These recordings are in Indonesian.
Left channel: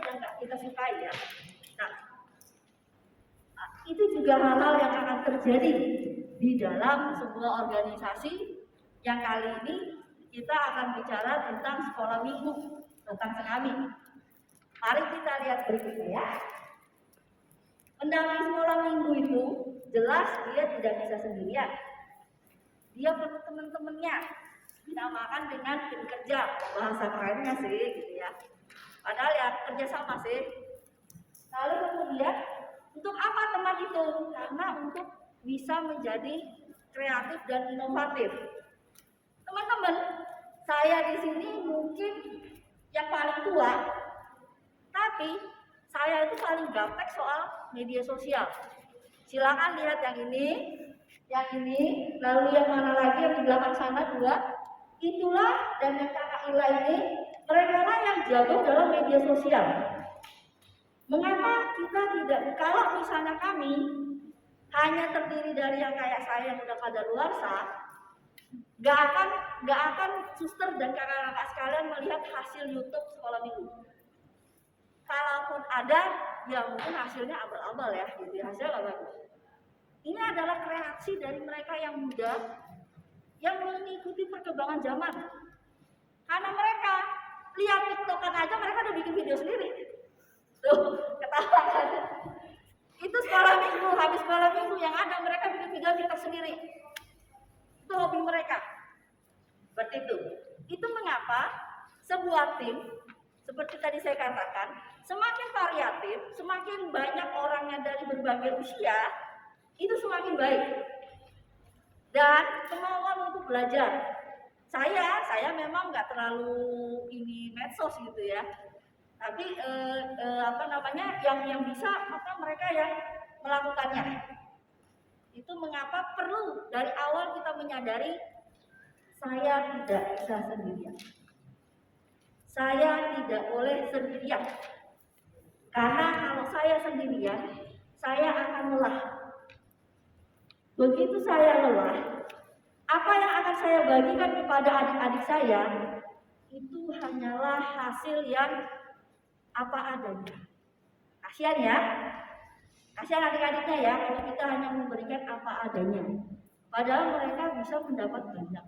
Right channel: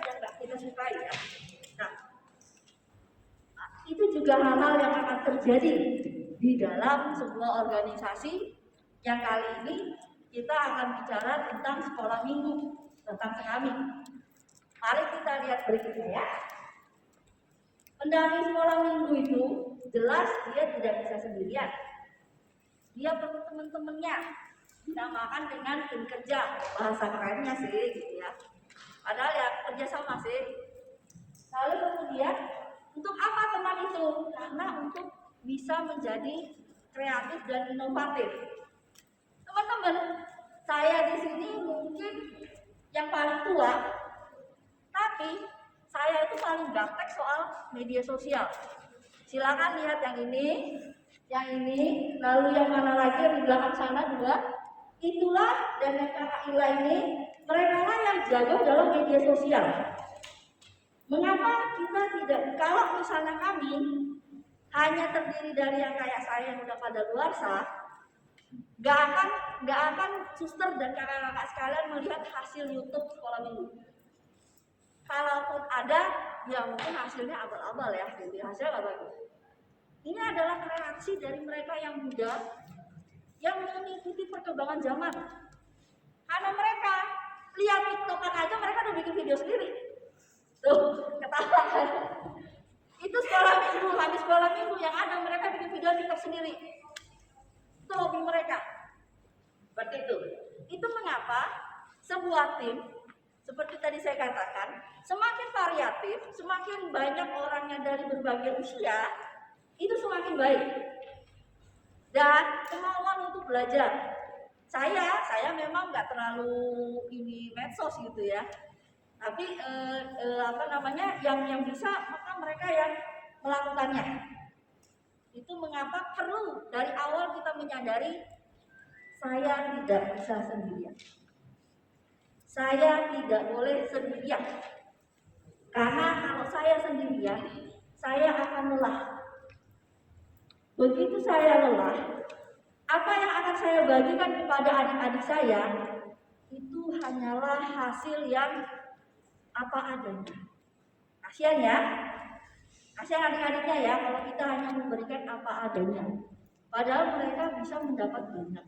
yang nggak kita sukai ya. Nah, itu juga hal-hal yang akan terjadi di dalam sebuah organisasi yang kali ini kita akan bicara tentang sekolah minggu, tentang sekami. Mari kita lihat berikutnya ya. Pendamping sekolah minggu itu jelas dia tidak bisa sendirian. Dia perlu teman-temannya, dinamakan dengan tim kerja, bahasa kerennya sih gitu ya. Padahal ya kerjasama sih. Lalu kemudian untuk apa teman itu? Karena untuk bisa menjadi kreatif dan inovatif. Teman-teman, saya di sini mungkin yang paling tua, tapi saya itu paling gaptek soal media sosial. Silakan lihat yang ini, lalu yang mana lagi yang di belakang sana juga. Itulah dan yang kakak Ila ini, mereka lah yang jago dalam media sosial. Mengapa kita tidak, kalau misalnya kami hanya terdiri dari yang kayak saya yang udah kadaluarsa, gak akan suster dan kakak-kakak sekalian melihat hasil YouTube sekolah minggu. Kalaupun ada, ya mungkin hasilnya abal-abal ya, jadi hasilnya gak bagus. Ini adalah kreasi dari mereka yang muda yang mengikuti perkembangan zaman. Karena mereka lihat TikTokan aja mereka udah bikin video sendiri. Tuh, ketawa kan? Itu sekolah minggu, habis sekolah minggu yang ada mereka bikin video TikTok sendiri. Itu hobi mereka. Seperti itu. Itu mengapa sebuah tim seperti tadi saya katakan, semakin variatif, semakin banyak orangnya dari berbagai usia, itu semakin baik. Dan kemauan untuk belajar. Saya memang nggak terlalu ini medsos gitu ya. Tapi yang bisa maka mereka yang melakukannya. Itu mengapa perlu dari awal kita menyadari saya tidak bisa sendirian. Saya tidak boleh sendirian. Karena kalau saya sendirian, saya akan lelah. Begitu saya lelah, apa yang akan saya bagikan kepada adik-adik saya itu hanyalah hasil yang apa adanya. Kasihan ya, kasihan adik-adiknya ya kalau kita hanya memberikan apa adanya. Padahal mereka bisa mendapat banyak.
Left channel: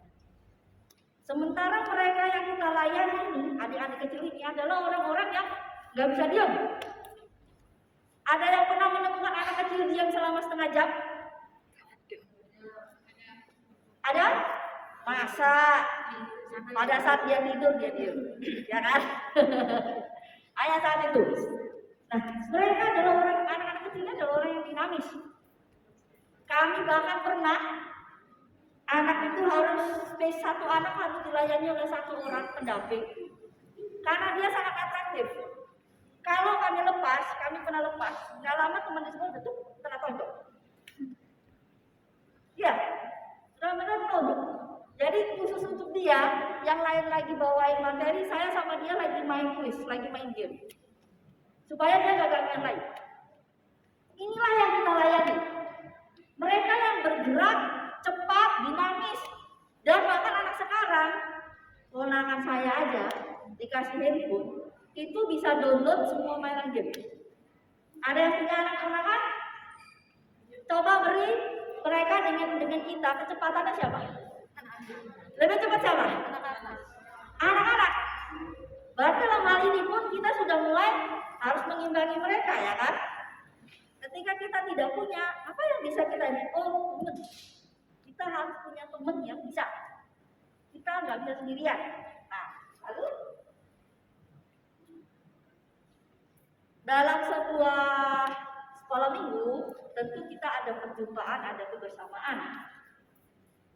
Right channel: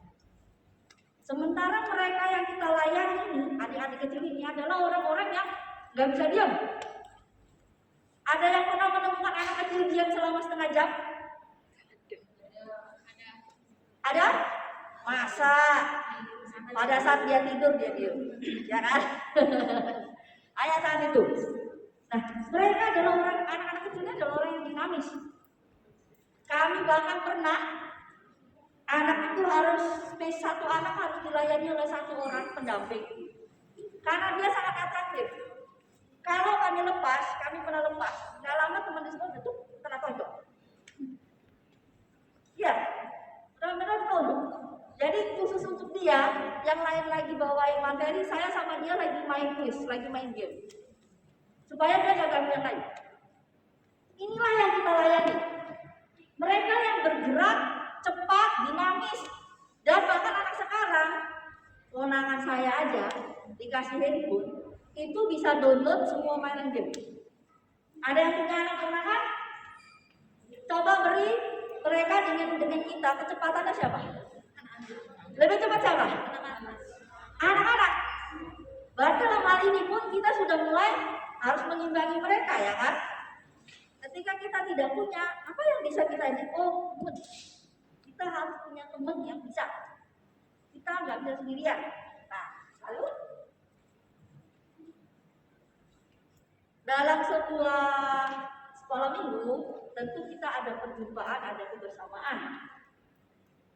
Sementara mereka yang kita layani ini, adik-adik kecil ini adalah orang-orang yang nggak bisa diam. Ada yang pernah menemukan anak kecil diam selama setengah jam? Ada? Masa pada saat dia tidur dia diam, ya kan? Ayah saat itu. Nah, mereka adalah anak-anak kecilnya adalah orang yang dinamis. Kami bahkan pernah anak itu satu anak harus dilayani oleh satu orang pendamping karena dia sangat atraktif. Kalau kami pernah lepas, nggak lama teman di sekolah itu kena tonjok. Ya, benar-benar tonjok. Jadi khusus untuk dia, yang lain lagi bawain materi, saya sama dia lagi main quiz, lagi main game, supaya dia nggak gangguan lain. Inilah yang kita layani. Mereka yang bergerak cepat, dinamis, dan bahkan anak sekarang, ponakan saya aja dikasih handphone, itu bisa download semua mainan game. Ada yang punya anak ponakan? Coba beri mereka dengan kita, kecepatannya siapa? Lebih cepat siapa? Anak-anak. Berarti dalam hal ini pun kita sudah mulai harus mengimbangi mereka ya kan? Ketika kita tidak punya, apa yang bisa kita ini? Oh, teman. Kita harus punya teman yang bisa. Kita nggak bisa sendirian. Nah, lalu dalam sebuah sekolah minggu, tentu kita ada perjumpaan, ada kebersamaan.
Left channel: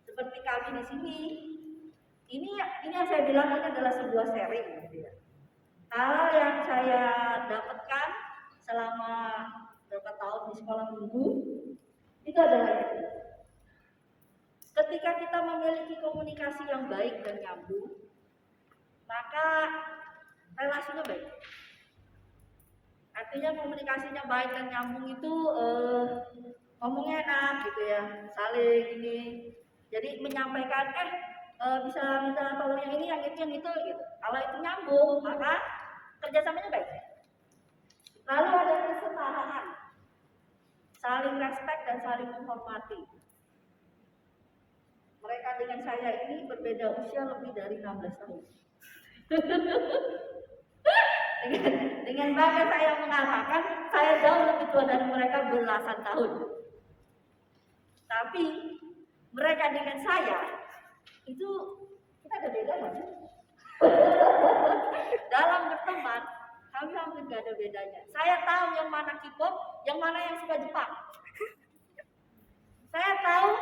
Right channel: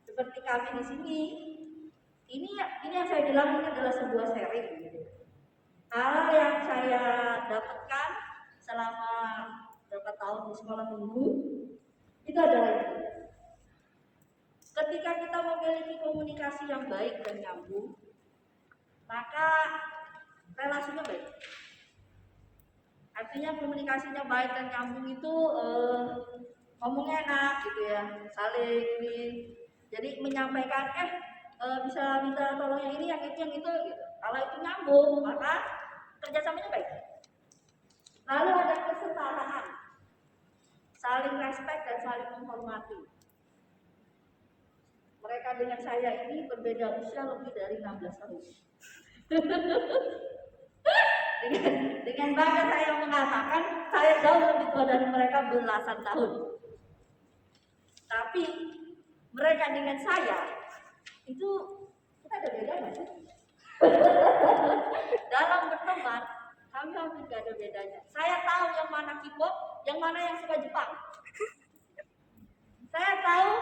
Seperti kami di sini, ini yang saya bilang ini adalah sebuah sharing. Gitu ya. Hal yang saya dapatkan selama beberapa tahun di sekolah minggu itu adalah itu. Ketika kita memiliki komunikasi yang baik dan nyambung, maka relasinya baik. Artinya komunikasinya baik dan nyambung itu ngomongnya enak gitu ya, saling ini. Jadi menyampaikan bisa minta tolong yang ini, yang itu gitu. Kalau itu nyambung, maka kerjasamanya baik. akan saling menghormati. Mereka dengan saya ini berbeda usia lebih dari 16 tahun. Dengan bangga saya mengatakan saya jauh lebih tua dari mereka belasan tahun. Tapi mereka dengan saya itu kita ada beda kan? Dalam berteman kami hampir gak ada bedanya. Saya tahu yang mana K-pop, yang mana yang suka Jepang. Saya tahu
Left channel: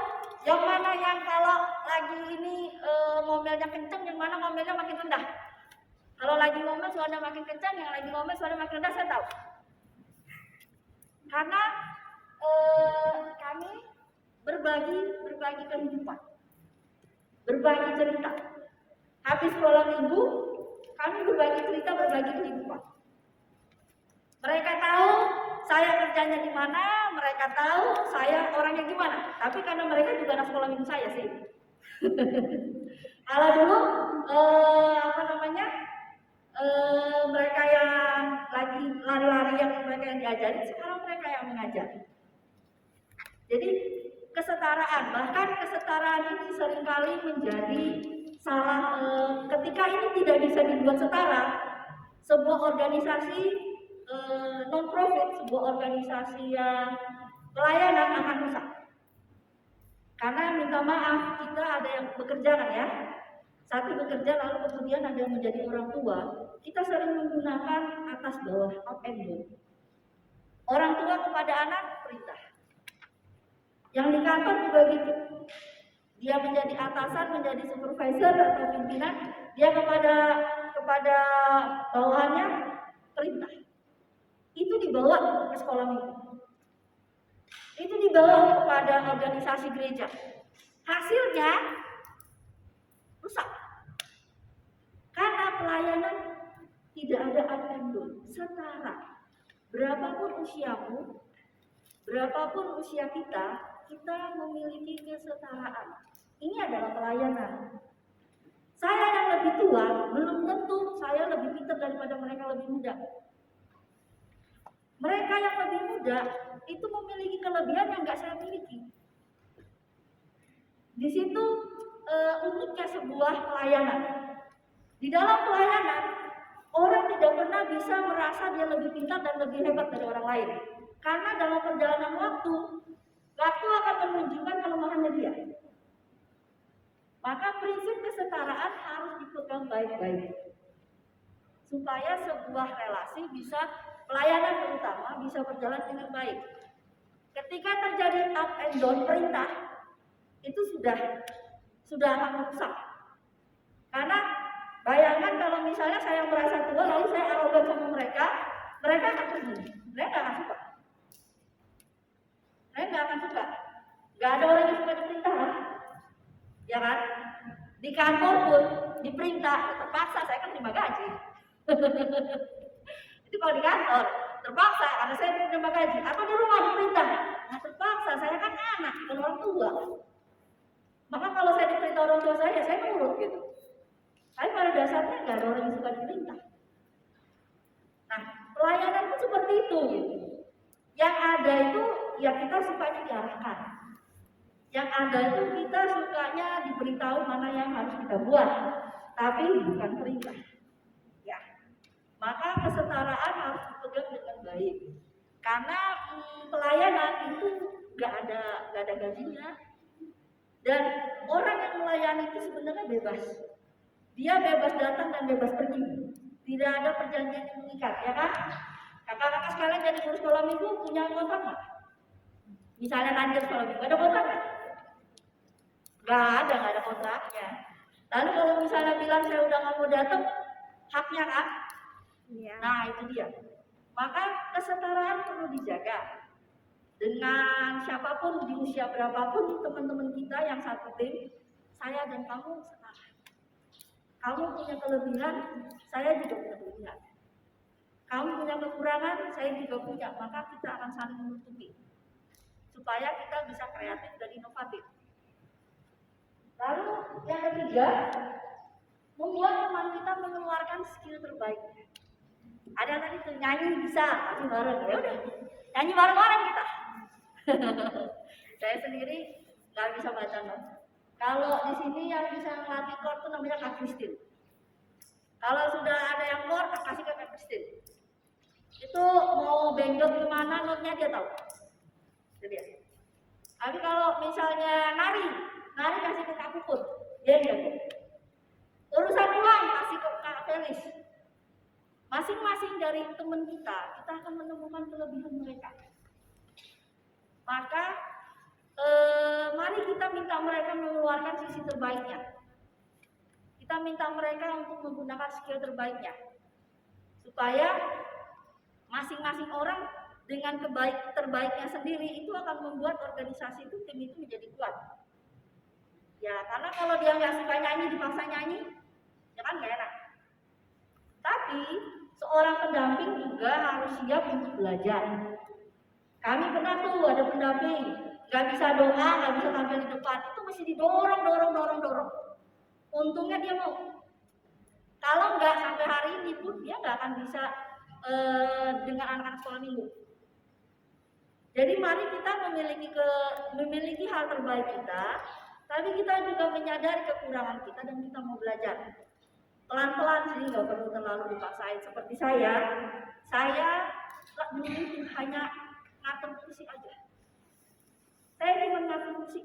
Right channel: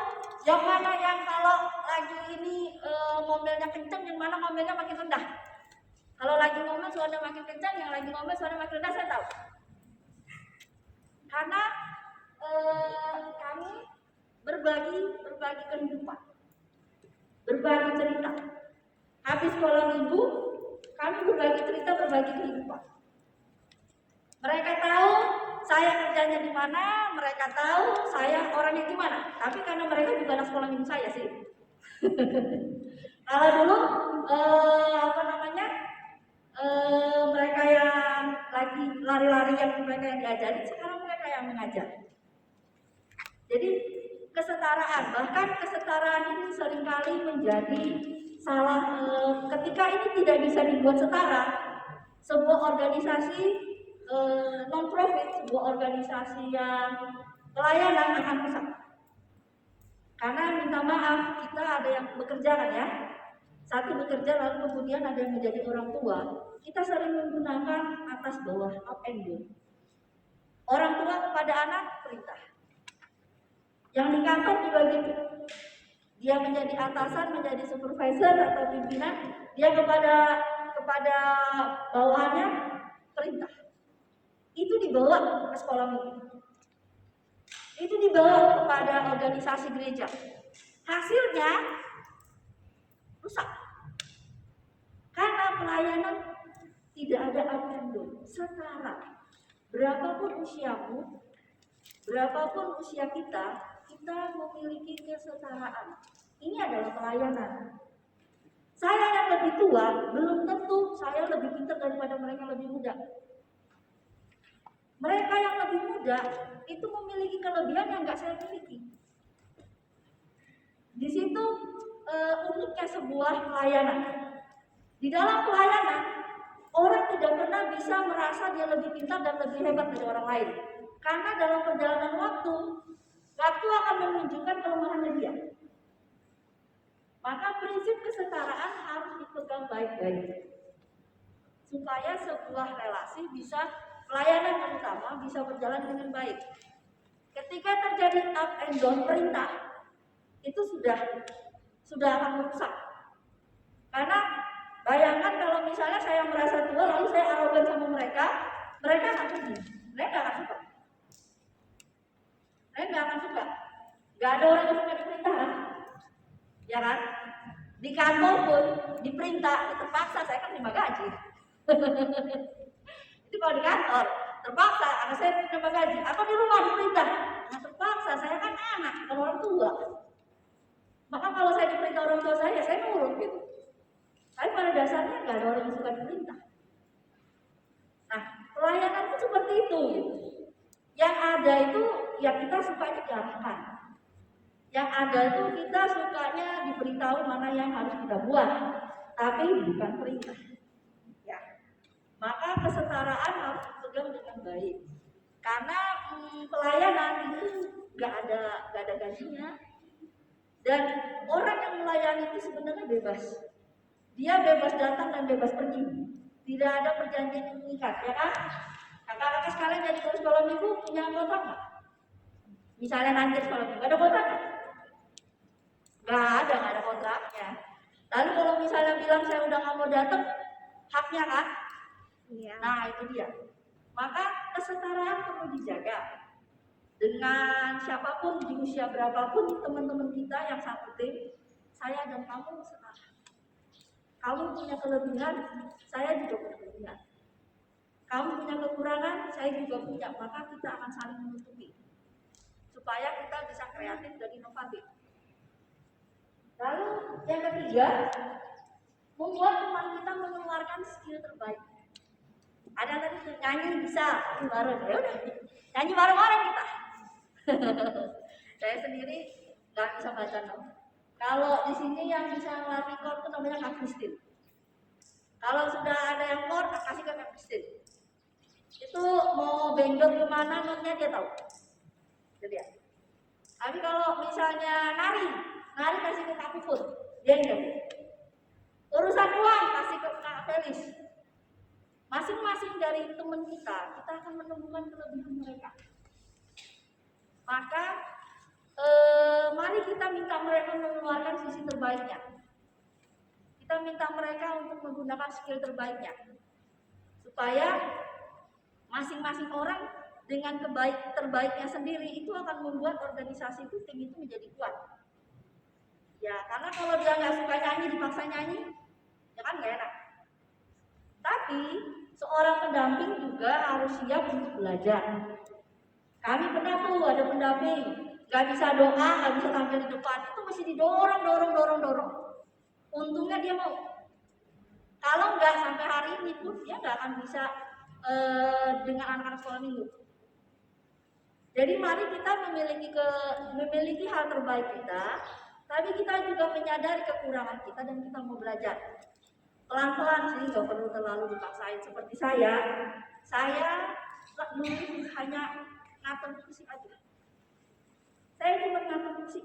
yang mana yang kalau lagi ini ngomelnya kenceng, yang mana ngomelnya makin rendah. Kalau lagi ngomel suaranya makin kencang, yang lagi ngomel suaranya makin rendah, saya tahu. Karena kami berbagi kehidupan, berbagi cerita. Habis sekolah minggu, kami berbagi cerita, berbagi kehidupan. Mereka tahu saya kerjanya di mana, mereka tahu saya orangnya gimana. Tapi karena mereka juga anak sekolah minggu saya sih. Kalau dulu mereka yang lagi lari-lari yang mereka yang diajari, sekarang mereka yang mengajar. Jadi kesetaraan, bahkan kesetaraan ini seringkali menjadi salah ketika ini tidak bisa dibuat setara. Sebuah organisasi non-profit, sebuah organisasi yang pelayanan akan rusak. Karena minta maaf, kita ada yang bekerja kan ya. Satu bekerja lalu kemudian ada yang menjadi orang tua. Kita sering menggunakan atas bawah, up and down. Orang tua kepada anak perintah. Yang di kantor juga gitu. Dia menjadi atasan, menjadi supervisor atau pimpinan, dia kepada bawahannya perintah. Itu dibawa ke sekolah minggu. Itu dibawa kepada organisasi gereja. Hasilnya rusak. Karena pelayanan tidak ada up and down, setara. Berapapun usiamu, berapapun usia kita memiliki kesetaraan. Ini adalah pelayanan. Saya yang lebih tua, belum tentu saya lebih pintar daripada mereka lebih muda. Mereka yang lebih muda itu memiliki kelebihan yang nggak saya miliki. Di situ uniknya sebuah pelayanan. Di dalam pelayanan, orang tidak pernah bisa merasa dia lebih pintar dan lebih hebat dari orang lain. Karena dalam perjalanan waktu akan menunjukkan kelemahannya dia. Maka prinsip kesetaraan harus dipegang baik-baik. Supaya sebuah relasi bisa, pelayanan terutama bisa berjalan dengan baik. Ketika terjadi up and down perintah, itu sudah akan rusak. Karena bayangkan kalau misalnya saya merasa tua lalu saya arogan sama mereka akan pergi. Mereka akan suka. Saya nggak akan suka. Nggak ada orang yang suka diperintah kan? Ya kan? Di kantor pun diperintah, terpaksa saya kan terima gaji. Itu kalau di kantor terpaksa karena saya terima gaji. Atau di rumah diperintah, nah terpaksa saya kan anak bukan orang tua. Maka kalau saya diperintah orang tua saya nurut gitu. Tapi pada dasarnya nggak ada orang yang suka diperintah. Nah, pelayanan pun seperti itu. Yang ada itu ya kita sukanya diarahkan. Yang ada itu kita sukanya diberitahu mana yang harus kita buat, tapi bukan perintah. Ya, maka kesetaraan harus dipegang dengan baik. Karena pelayanan itu nggak ada gajinya. Dan orang yang melayani itu sebenarnya bebas. Dia bebas datang dan bebas pergi. Tidak ada perjanjian yang mengikat, ya kan? Kakak-kakak sekalian dari sekolah minggu punya kontrak nggak? Misalnya lanjut sekolah minggu, ada kontrak nggak? Nggak ada kontraknya. Lalu kalau misalnya bilang saya udah nggak mau datang, haknya kan? Iya. Nah itu dia. Maka kesetaraan perlu dijaga. Dengan siapapun di usia berapapun teman-teman kita yang satu tim, saya dan kamu setara. Kamu punya kelebihan, saya juga punya kelebihan. Kamu punya kekurangan, saya juga punya. Maka kita akan saling menutupi supaya kita bisa kreatif dan inovatif. Lalu yang ketiga, membuat teman kita mengeluarkan skill terbaik. Ada tadi nyanyi bisa, nyanyi bareng, ya udah nyanyi bareng-bareng kita. Saya sendiri nggak bisa baca not. Kalau di sini yang bisa ngelatih chord itu namanya Kak Kristin. Kalau sudah ada yang chord, kasih ke Kak Kristin. Itu mau benjot kemana notnya dia tahu. Jadi ya. Tapi kalau misalnya nari kasih ke Kak Puput, dia yang jago. Urusan uang kasih ke Kak Felis. Masing-masing dari teman kita akan menemukan kelebihan mereka. Maka mari kita minta mereka mengeluarkan sisi terbaiknya. Kita minta mereka untuk menggunakan skill terbaiknya, supaya masing-masing orang dengan terbaiknya sendiri itu akan membuat organisasi itu, tim itu menjadi kuat. Ya, karena kalau dia nggak suka nyanyi, dipaksa nyanyi, ya kan nggak enak. Tapi seorang pendamping juga harus siap untuk belajar. Kami pernah tuh ada pendamping, nggak bisa doa, nggak bisa tampil di depan, itu mesti didorong. Untungnya dia mau. Kalau nggak sampai hari ini pun dia nggak akan bisa dengan anak-anak sekolah minggu. Jadi mari kita memiliki hal terbaik kita, tapi kita juga menyadari kekurangan kita dan kita mau belajar. Pelan-pelan sih, nggak perlu terlalu dipaksain. Seperti saya dulu hanya ngatur musik aja. Saya cuma ngatur musik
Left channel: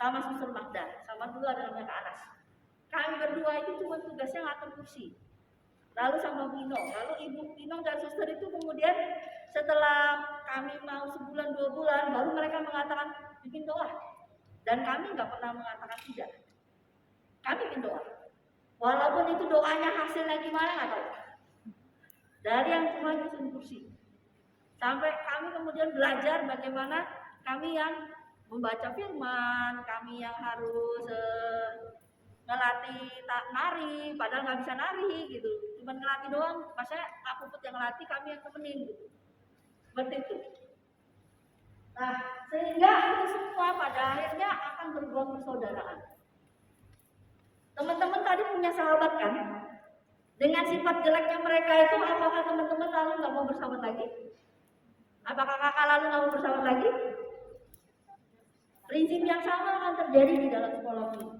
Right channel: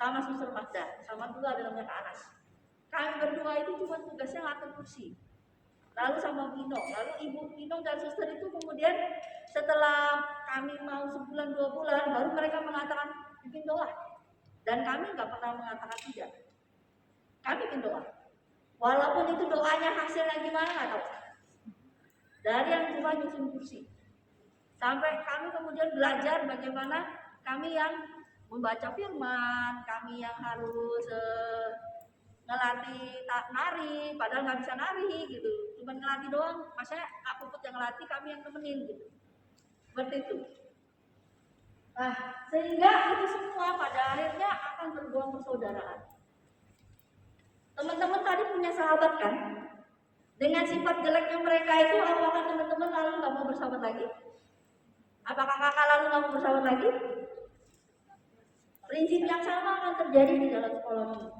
sama Suster Magda, sama dulu ada namanya Kak Anas. Kami berdua itu cuma tugasnya ngatur kursi. Lalu sama Pino, lalu Ibu Pino dan Suster itu kemudian setelah kami mau sebulan 2 bulan baru mereka mengatakan bikin doa. Dan kami nggak pernah mengatakan tidak. Kami bikin doa. Walaupun itu doanya hasilnya gimana nggak tahu. Dari yang cuma nyusun kursi. Sampai kami kemudian belajar bagaimana kami yang membaca firman, kami yang harus ngelatih nari, padahal nggak bisa nari gitu, cuma ngelatih doang. Maksudnya aku Puput yang ngelatih, kami yang nemenin gitu, seperti itu. Nah, sehingga itu semua pada akhirnya akan berbuah persaudaraan. Teman-teman tadi punya sahabat kan? Dengan sifat jeleknya mereka itu, apakah teman-teman lalu nggak mau bersahabat lagi? Apakah kakak lalu nggak mau bersahabat lagi? Prinsip yang sama akan terjadi di dalam sekolah ini.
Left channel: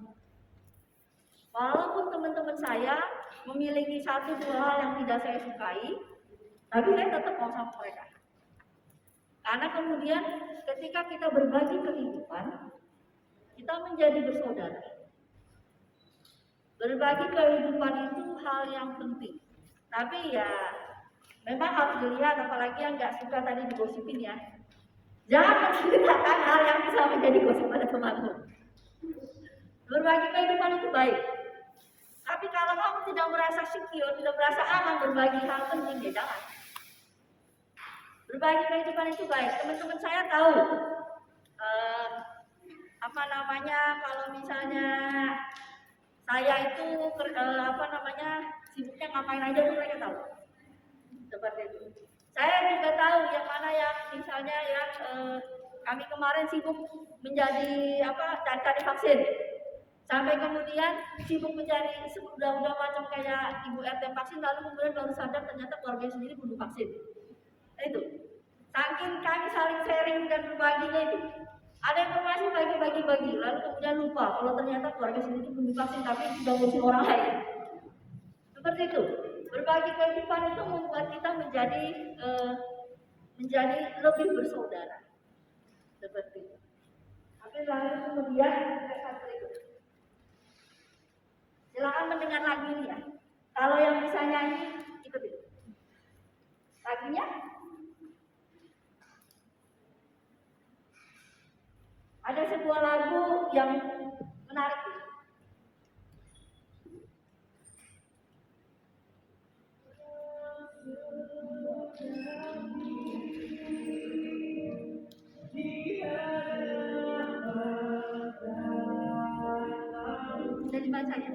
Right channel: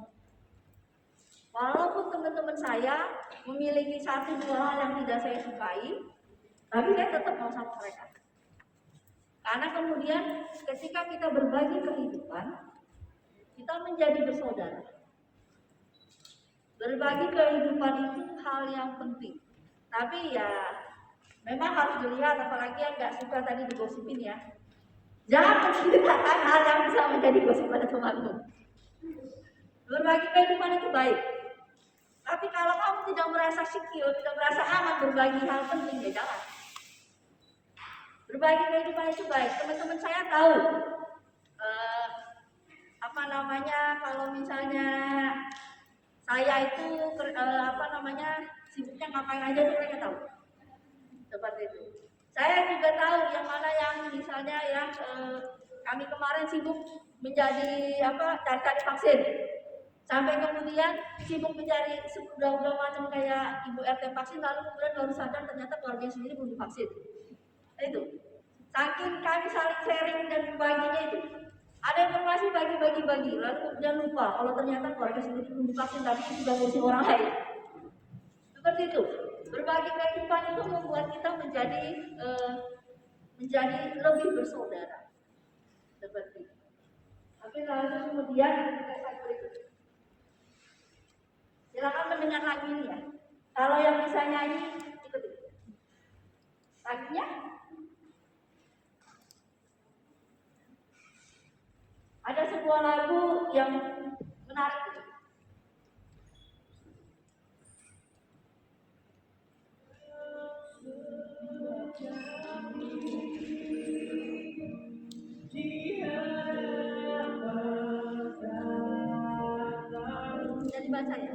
Walaupun teman-teman saya memiliki 1-2 hal yang tidak saya sukai, tapi saya tetap mau sama mereka. Karena kemudian ketika kita berbagi kehidupan, kita menjadi bersaudara. Berbagi kehidupan itu hal yang penting. Tapi ya memang harus dilihat, apalagi yang nggak suka tadi digosipin ya. Jangan menceritakan hal yang bisa menjadi gosip pada temanmu. Berbagi kehidupan itu baik. Tapi kalau kamu tidak merasa secure, tidak merasa aman berbagi hal penting, ya jangan. Berbagi kehidupan itu baik. Teman-teman saya tahu kalau misalnya saya itu sibuknya ngapain aja tuh mereka tahu. Seperti itu. Saya juga tahu yang mana yang misalnya yang kami kemarin sibuk menjadi cari vaksin. Sampai kemudian sibuk mencari udah macam kayak ibu RT vaksin, lalu kemudian baru sadar ternyata keluarga sendiri belum divaksin. Itu. Saking kami saling sharing dan berbaginya itu. Ada informasi bagi-bagi, lalu kemudian lupa kalau ternyata keluarga sendiri belum divaksin tapi sudah ngisi orang lain. Seperti itu. Berbagi kehidupan itu membuat kita menjadi lebih bersaudara. Seperti itu. Tapi lalu kemudian kesan berikut. Silakan mendengar lagu ini ya. Kalau yang bisa nyanyi, ikutin. Lagunya ada sebuah lagu yang menarik. Bisa dibaca ya?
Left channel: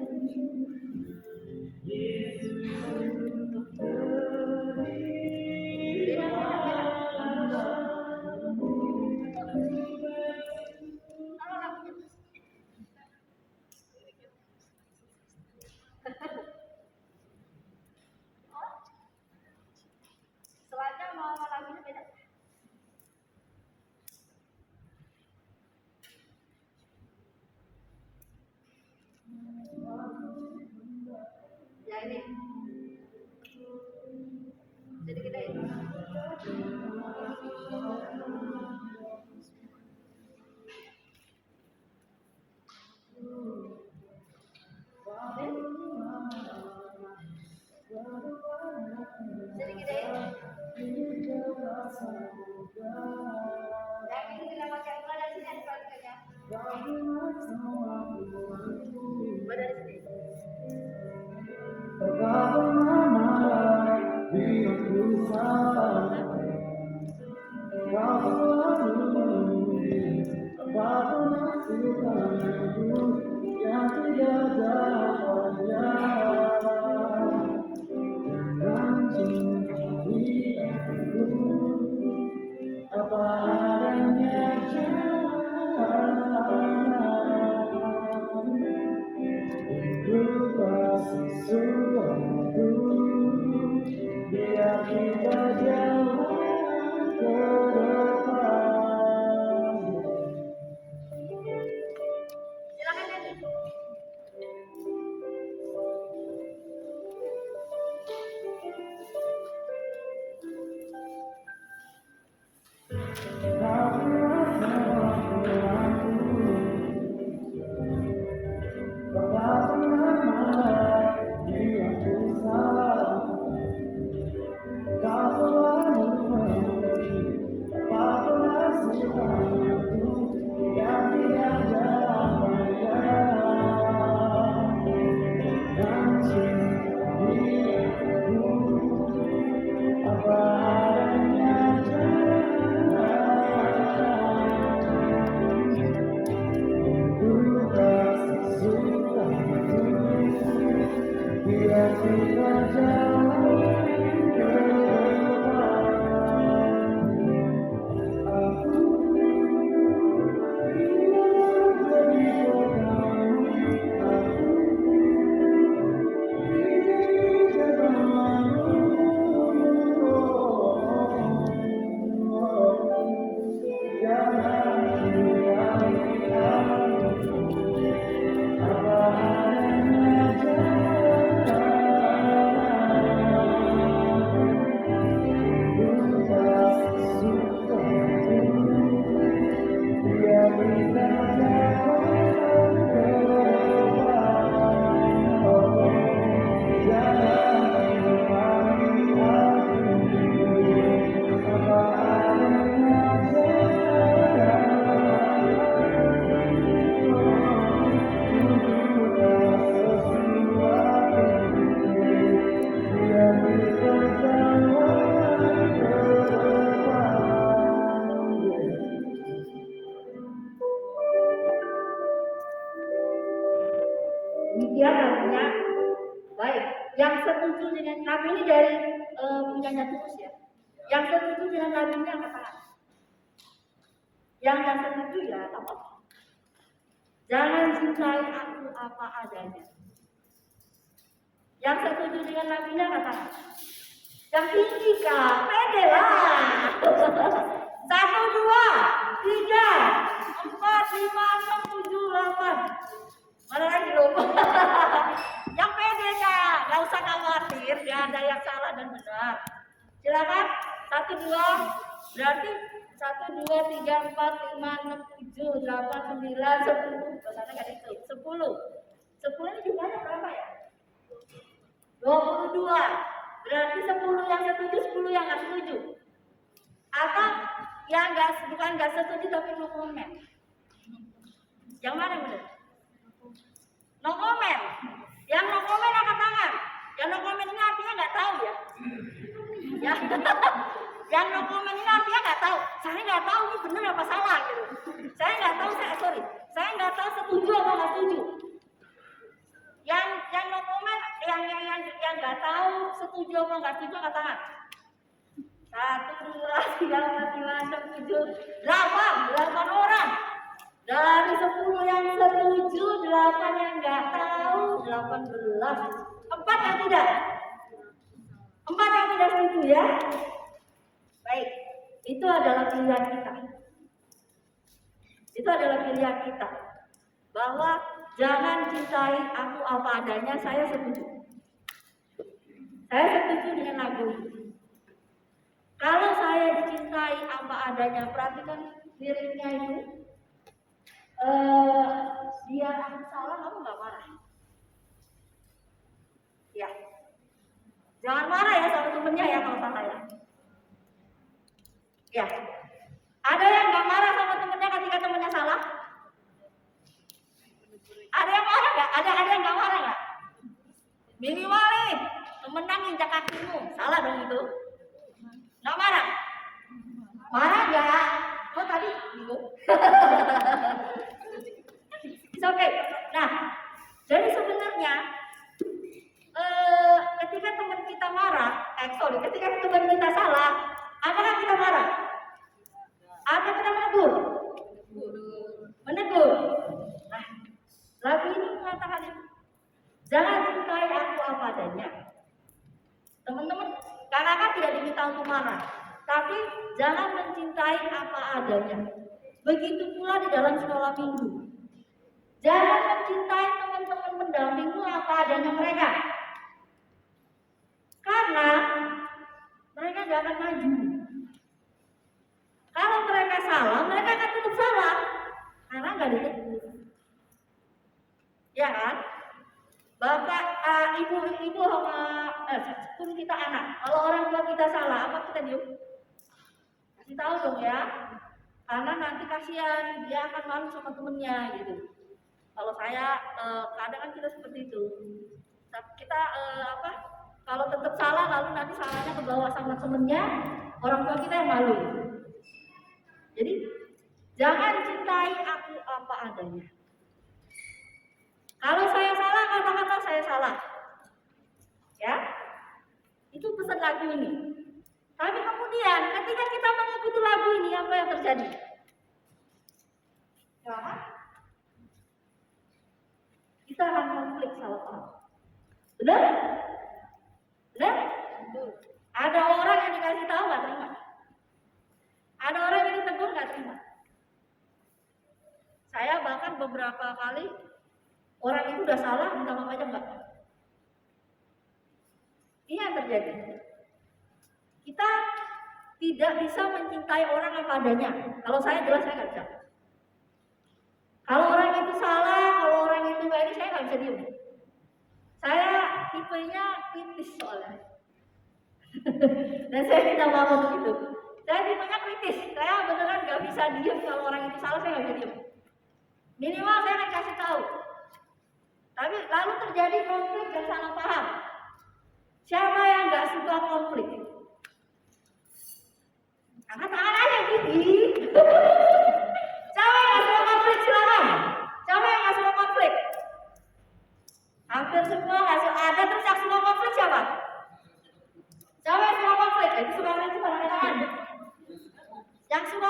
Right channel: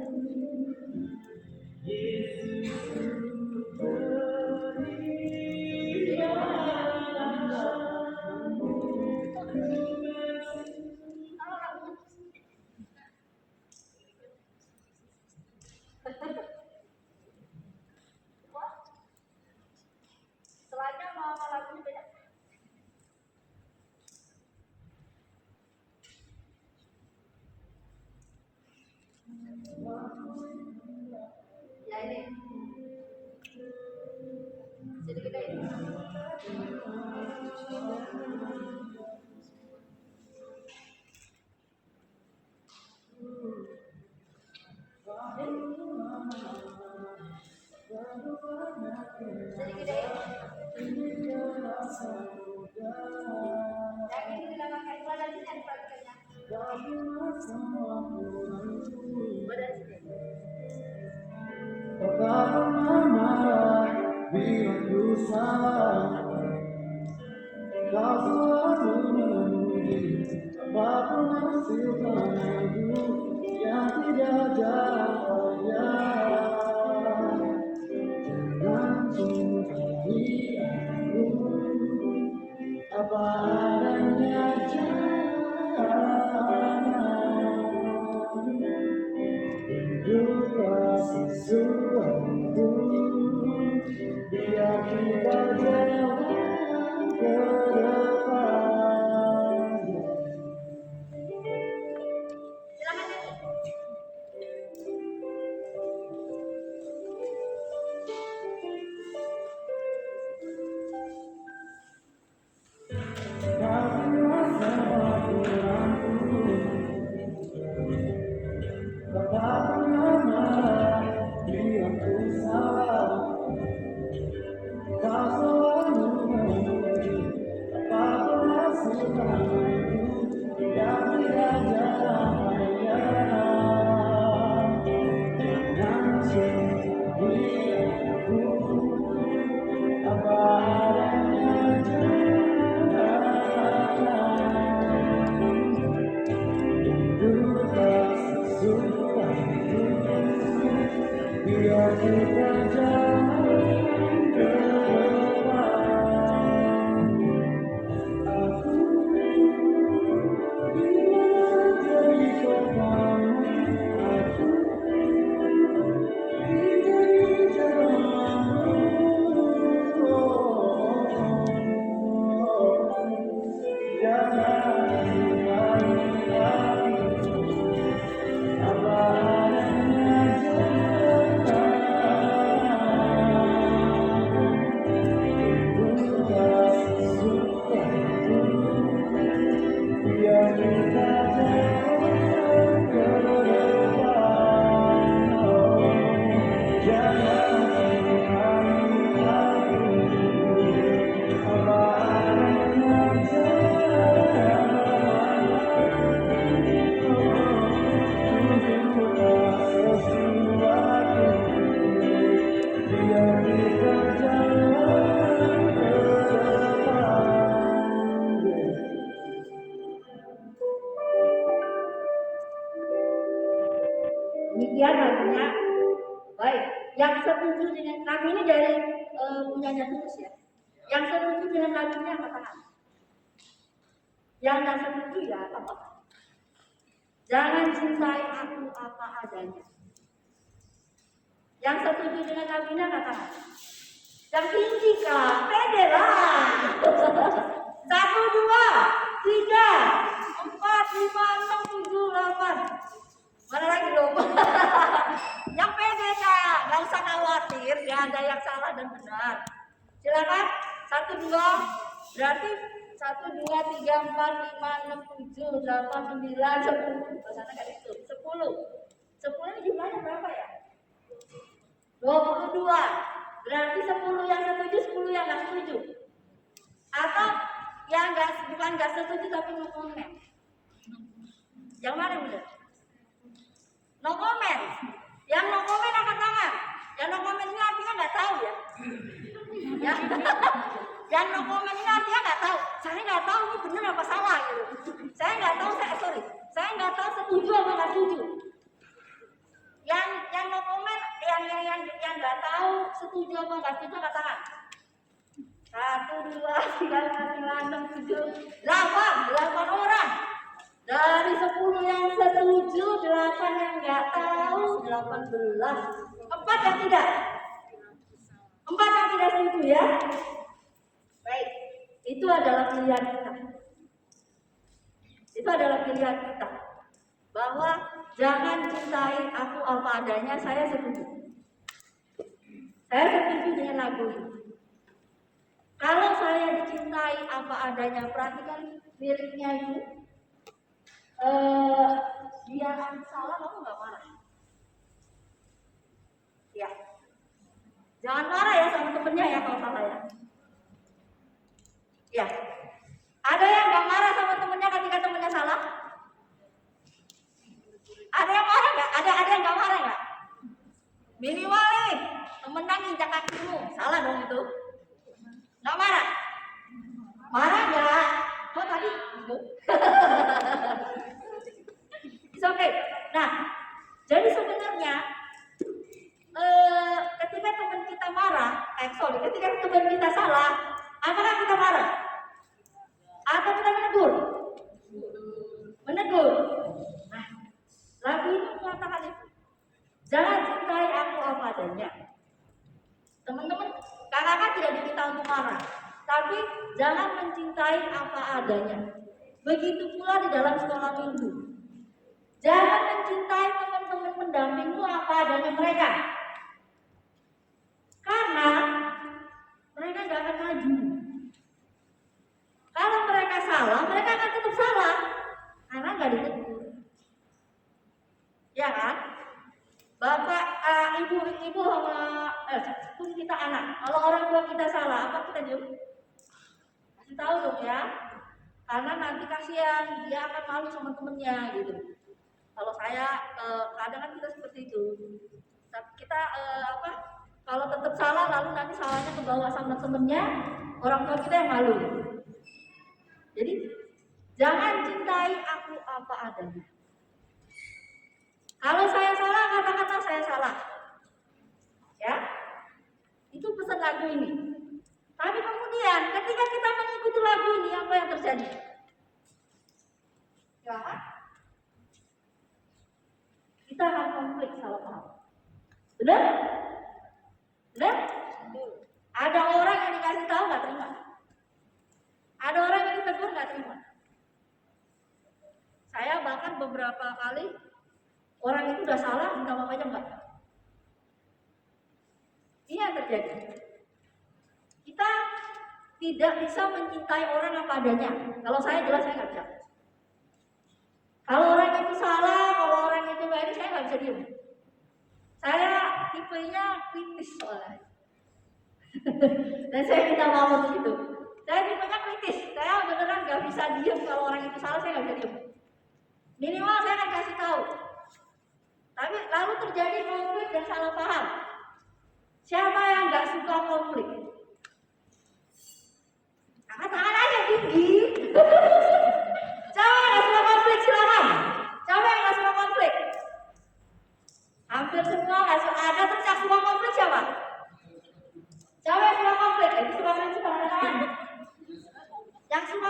Demikian lagunya. Baik, yang setuju dengan lagu ini dari punyanya Tulus ya. Yang setuju dengan lagunya angkat tangan. Yang nggak setuju ya apa? Jangan cintai aku apa adanya. Yang setuju dengan lagunya angkat tangan. Yang tinggi kak, pede lah. 1, 2, 3, 4, 5, 6, 7, 8. Mana lagi loh? Yang pede kak, nggak usah khawatir, nggak ada yang salah dan benar. Silakan 1, 2, berarti 1, 2, 3, 4, 5, 6, 7, 8, 9, 10. Bahasanya nggak itu. 10. 10 ini jumlahnya berapa ya? 22. Berarti 10 yang setuju, 10 yang nggak setuju. Atau yang bukan nggak setuju tapi no comment. Yang mana yang benar? No comment. Yang no comment angkat tangan. Yang no comment ini artinya nggak tahu ya. Ya. Yang no comment ini artinya nggak tahu. Saya nggak tahu ini benar apa salah gitu. Saya nggak tahu. Saya nggak tahu setuju apa nggak setuju. Yang no comment, yang nggak tahu setuju apa nggak setuju angkat tangan. 1, 2, 3, 4, 5, 6, 7, 8 orang. Dari 10 yang setuju, 8 yang nggak tahu, 18. 4 yang tidak. 4 yang tidak setuju ya. Baik, itu adalah pilihan kita. Itu adalah pilihan kita. Bahwa jangan cintai aku apa adanya, saya setuju. Saya setuju dengan lagu ini. Kalau saya adanya. Perhatikan liriknya itu. Dia aku salah, kamu nggak marah. Ya, jangan marah ya sama temennya ya kalau salah ya. Ya, ada yang nggak marah sama temennya ketika temennya salah? Ada yang marah nggak? Ada yang nggak marah nggak? Minimal nih, temenan injak kakimu, salah dong itu. Nggak marah? Marah nggak? Kok tadi ibu? Oke. Nah, jadi sebenarnya ketika teman kita marah, ketika teman kita salah, apakah kita marah? Atau kita menegur? Menegur. Nah, lagu ini mengatakan itu. Jangan cintai aku apa adanya. Teman-teman, kakak tidak diminta untuk marah, tapi jangan mencintai apa adanya. Begitu pula di dalam sekolah minggu. Jangan mencintai teman-teman mendampingmu apa adanya mereka. Karena mereka gak akan maju. Kalau mereka salah, mereka akan tetap salah. Karena gak ditegur. Ya kan? Bapak, ibu sama pun kita anak. Kalau orang tua kita salah, apa kita jawab? Kasih tahu dong ya. Karena nanti kasihan, dia akan malu sama temennya gitu. Kalau saya kadang kan kita seperti itu. Kita kalau tetap salah lalu nanti salahnya kebawa sama temennya, orang tua kita yang malu. Jadi jangan cintai aku apa adanya. Kalau saya salah, kata-kata saya salah. Ya, itu pesan lagu ini. Tapi kemudian ketika kita mengikuti lagu ini, apa yang terjadi? Ya, kita akan konflik salah paham. Benar? Benar? Ada orang yang dikasih tahu nggak terima. Ada orang yang ditegur nggak terima. Saya bahkan beberapa kali orang itu udah salah, minta maaf aja enggak. Ini yang terjadi. Kita tidak bisa mencintai orang apa adanya. Kalau saya jelas saya nggak bisa. Kalau orang itu salah, kalau orang itu nggak ini, saya nggak bisa diem. Saya tipenya kritis soalnya. Dan saya minta maaf untuk itu. Saya tipenya kritis. Saya beneran nggak bisa diem kalau orang itu salah, saya nggak bisa diem. Minimal saya akan kasih tahu. Tapi lalu terjadi konflik dan salah paham. Siapa yang nggak suka konflik? Angkat tangan aja, Bibi. Siapa yang nggak suka konflik? Silakan. Siapa yang nggak suka konflik? Hampir semua nggak suka. Ada terus yang suka konflik siapa? Siapa yang suka konflik? Itu suka konflik itu angkat tangan. Yang suka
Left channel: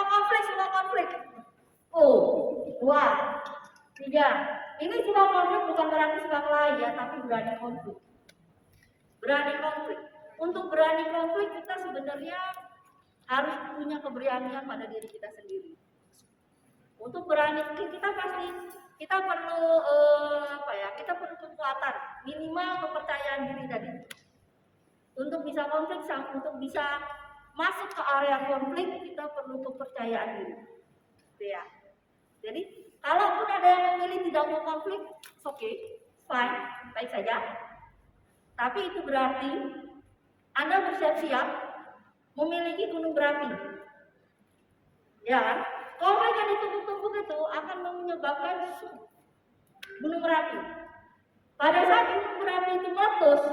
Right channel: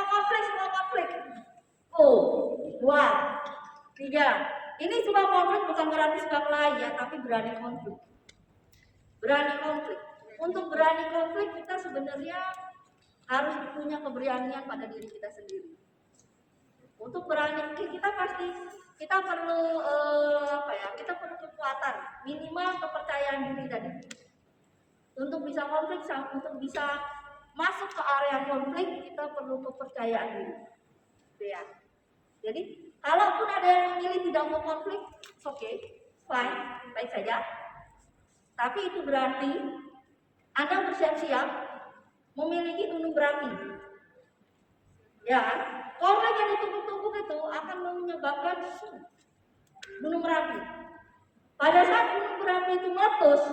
konflik. Oh, 2, 3. Ini suka konflik bukan berarti suka kelahi ya, tapi berani konflik. Berani konflik. Untuk berani konflik kita sebenarnya harus punya keberanian pada diri kita sendiri. Untuk berani kita perlu kita perlu kekuatan, minimal kepercayaan diri tadi. Untuk bisa konflik, untuk bisa masuk ke area konflik, kita perlu kepercayaan diri. Ya. Jadi kalaupun ada yang memilih tidak mau konflik, oke, fine, baik saja. Tapi itu berarti Anda bersiap-siap memiliki gunung berapi. Ya kan? Konflik yang ditumpuk-tumpuk itu akan menyebabkan gunung berapi. Pada saat gunung berapi itu meletus,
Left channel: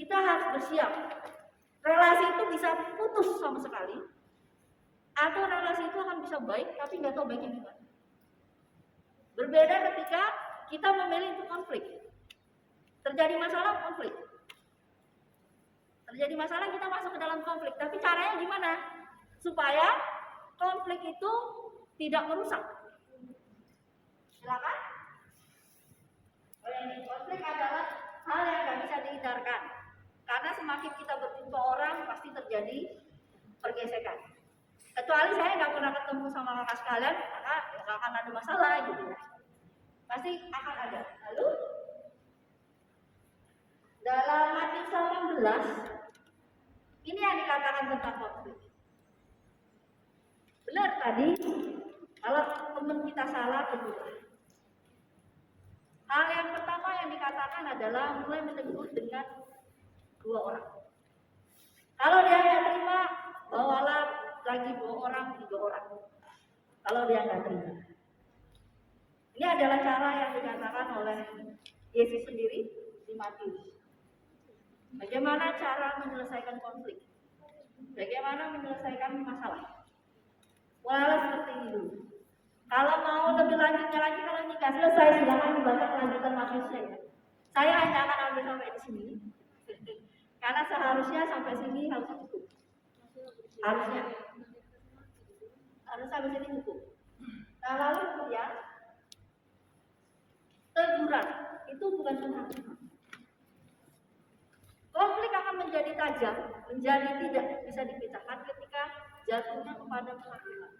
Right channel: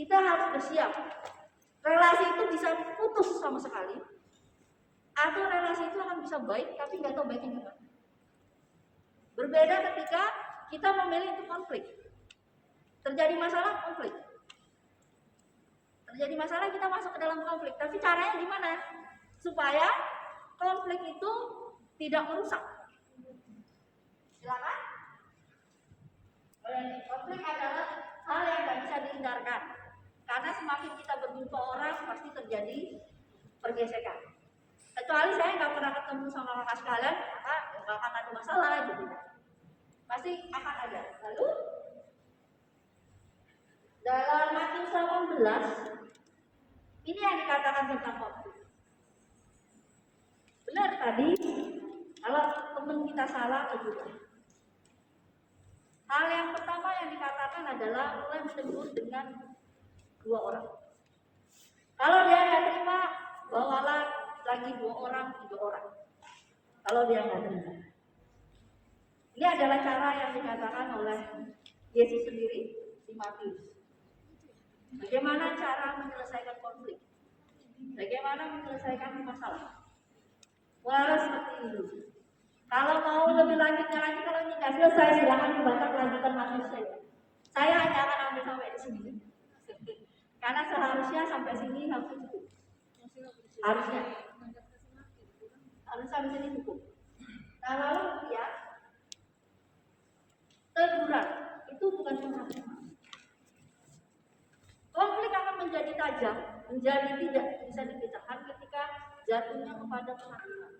kita harus bersiap. Relasi itu bisa putus sama sekali, atau relasi itu akan bisa baik, tapi nggak tahu baiknya gimana. Berbeda ketika kita memilih untuk konflik. Terjadi masalah, konflik. Terjadi masalah, kita masuk ke dalam konflik. Tapi caranya gimana? Supaya konflik itu tidak merusak. Silakan. Konflik adalah hal yang nggak bisa dihindarkan. Karena semakin kita berjumpa orang, pasti terjadi pergesekan. Kecuali saya nggak pernah ketemu sama kakak sekalian, maka nggak akan ada masalah gitu. Pasti akan ada. Lalu dalam Matius 18 ini yang dikatakan tentang konflik. Benar tadi, kalau teman kita salah tegur. Hal yang pertama yang dikatakan adalah mulai menegur dengan 2 orang. Kalau dia nggak terima, bawalah lagi 2 orang, 3 orang. Kalau dia nggak terima. Ini adalah cara yang dikatakan oleh Yesus sendiri di Matius. Bagaimana cara menyelesaikan konflik? Bagaimana menyelesaikan masalah? Wala seperti itu. Kalau mau lebih lanjutnya lagi, kalau ini nggak selesai, silakan dibaca kelanjutan Matius saya. Saya hanya akan ambil sampai di sini. Karena seharusnya sampai sini harus cukup. Harusnya sampai sini cukup. Nah lalu kemudian teguran itu bukan penghakiman. Konflik akan menjadi tajam, menjadi tidak bisa dipecahkan ketika jatuhnya kepada penghakiman.